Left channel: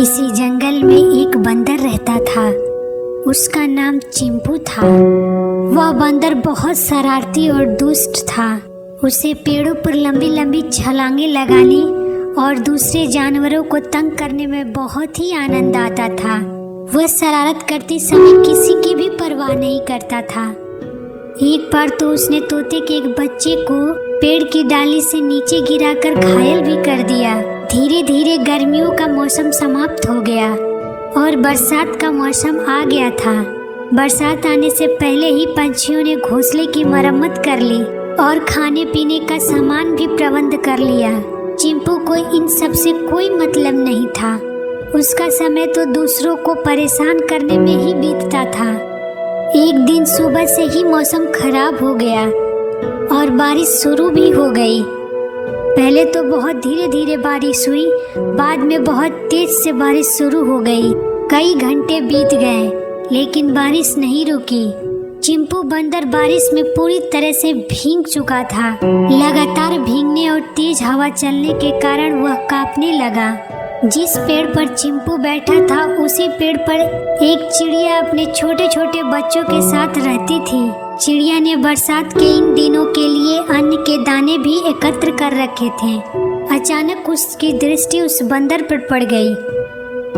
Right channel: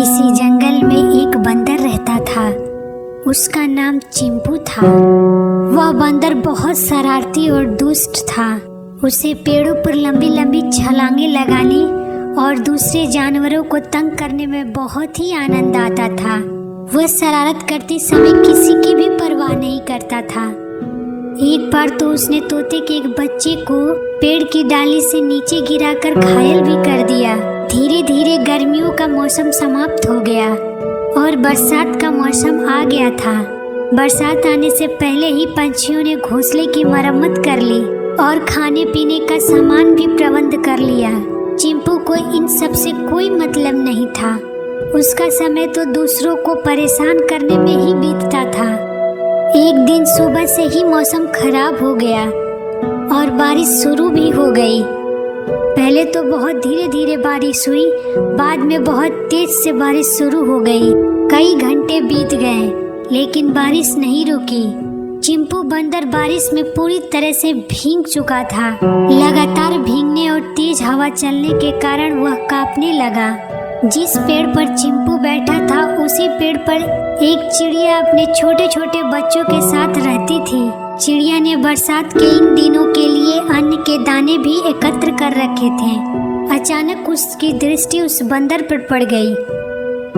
किसी जंगल में एक बंदर रहता था। उसका नाम चिंपू था। वह बंदर बहुत शरारती और दुष्ट था। उसे पेड़ों पर लंबी लंबी छलांगे लगाने और दूसरे जानवरों को तंग करने में बहुत ही आनंद आता था। वह शरारत करते समय किसी की भी परवाह नहीं करता था। एक बार तो उसने तोते के एक बच्चे को पेड़ की डाली से नीचे गिराकर घायल भी कर दिया। धीरे धीरे गर्मियों का मौसम समाप्त हो गया और बरसात का मौसम आ गया था। बरसात आने से पहले ही पक्षियों ने घोंसले की मरम्मत कर ली और खाने पीने का सामान भी प्रबंध कर लिया। चिंपू को इन सब से कोई मतलब नहीं था। उसका समय तो दूसरों को परेशान करने में ही बीतता था। एक दिन सुबह से ही मौसम खराब हो गया और बारिश शुरू भी हो गई। पहले तो बहुत धीरे धीरे बारिश हुई, बाद में बहुत तेज से बारिश शुरू हो गई। कई घंटे बीत गए लेकिन बारिश नहीं रुकी। चिंपू बंदर बारिश में पूरी तरह से भीग चुका था। लगातार भीगने और तेज हवा चलने के कारण वह कांपने लगा। जिस पेड़ पर चिंपू बैठा था उसी पेड़ पर एक चिड़िया अपने छोटे छोटे बच्चों के साथ रहती थी। चिड़िया ने बरसात के इन दिनों के लिए अन्न के दाने भी एकत्र कर रखे थे। अचानक उसकी दृष्टि उस बंदर पर पड़ गई।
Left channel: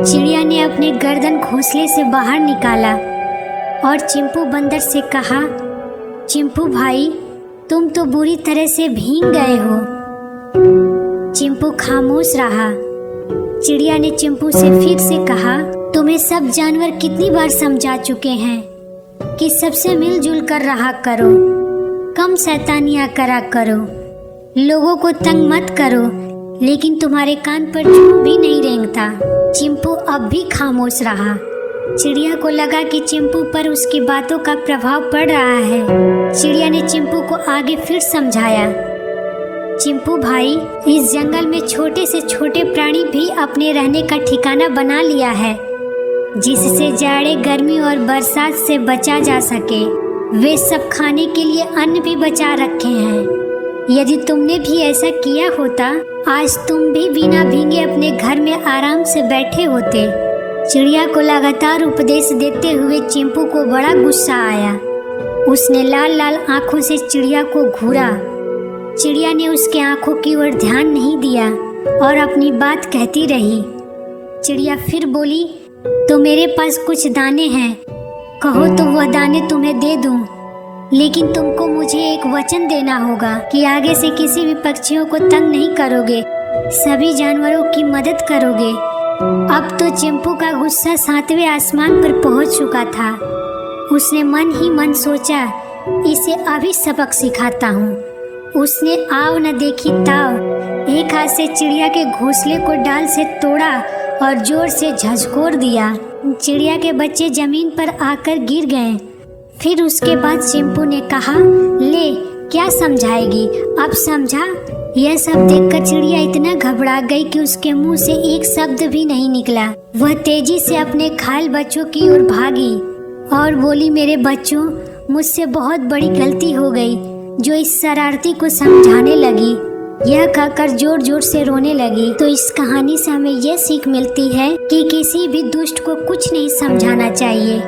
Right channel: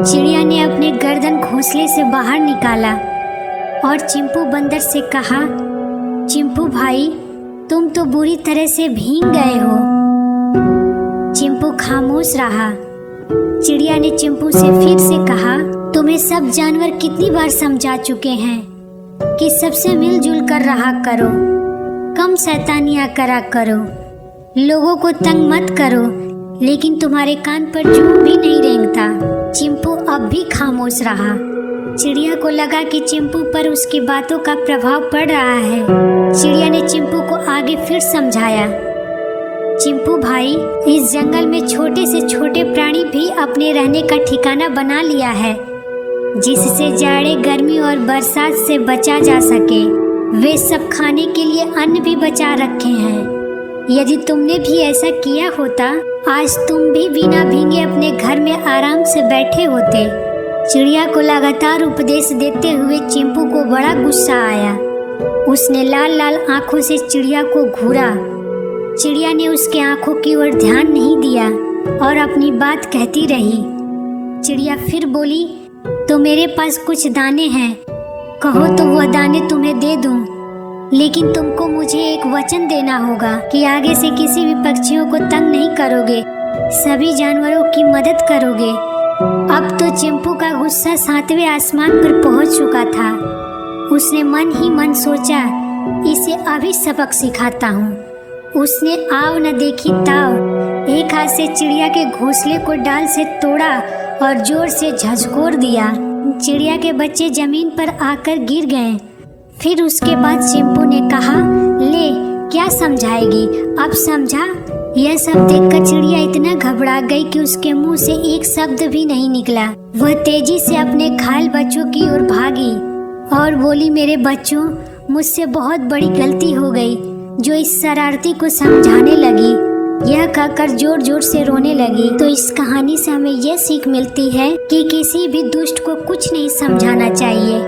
चिड़िया ने अपने गर्दन घोंसले से बाहर निकाला और चिंपू बंदर से कहा, चिंपू भाई, तुम तो बुरी तरह से भीग गए हो। चिंपू खामोश रहा। चिड़िया ने चिंपू से फिर से कहा, तुम्हें सब जानवर कितनी बार समझा चुके हैं कि सबसे मिलजुल कर रहा करो, कम शैतानियां करा करो, लोगों को तंग मत करो, लेकिन तुम्हारे कान पर चूप भी नहीं रेंगता। चिंपू अब भी खामोश रहा। चिड़िया को लगा कि चिंपू पर उसकी बातों का प्रभाव पड़ रहा है। चिड़िया ने चिंपू को आगे फिर समझाया, चिंपू भाई, इस जंगल में छोटे से छोटे प्राणी भी अपने रहने का ठिकाना बना लिया है, जिससे जाड़े, गर्मी और बरसात से बचा जा सके। वे सब खाने के लिए अन्न भी बचा रखे हैं। यदि तुमने भी ऐसा किया होता, आज तुम भी बिना भीगे अपने घर में आराम से बैठे होते। चिड़िया को लगातार उपदेश देते हुए चिंपू को बड़ा गुस्सा आया। उसने लाल लाल आंखों से चिड़िया को घूरा। चिड़िया ने उसके आंखों की ओर ध्यान नहीं दिया और अपनी बात कहती रही। चिड़िया फिर बोली, तो मेरे पास कुछ दाने हैं, कहो तो वह दाने तुम्हें दे दूं, लेकिन तुमको मुझे एक वचन देना होगा कि आगे से किसी भी पक्षियों को तंग नहीं करोगे, सभी जानवरों की मदद करोगे। अब तो चिंपू का गुस्सा 7वें आसमान पर पहुंच चुका था। उसने मन ही मन सोचा, इसे अभी सबक सिखाता हूँ। उसने आव न देखी ताव, एक हाथ से चिड़िया के घोंसले को डाल से तोड़ा और जोर से झकझोर दिया। चिड़िया के बच्चे जमीन पर आकर गिर गए। फिर उसके बाद चिंपू ने कहा, ले, क्या समझाएगी, अब समझा। यह सब देखकर चिड़िया इतना घबरा गई कि उसके मुंह से एक शब्द भी नहीं निकला। वह तेजी से अपने घायल बच्चों की ओर भागी और बोली, मेरे बच्चों, मुझसे बहुत बड़ी गलती हो गई, जो इस शरारती को समझाने लगी। यह कहकर जोर जोर से रोने लगी। तो इस कहानी से हमें यह सीख मिलती है कि किसी भी दुष्ट को कुछ नहीं समझाना चाहिए।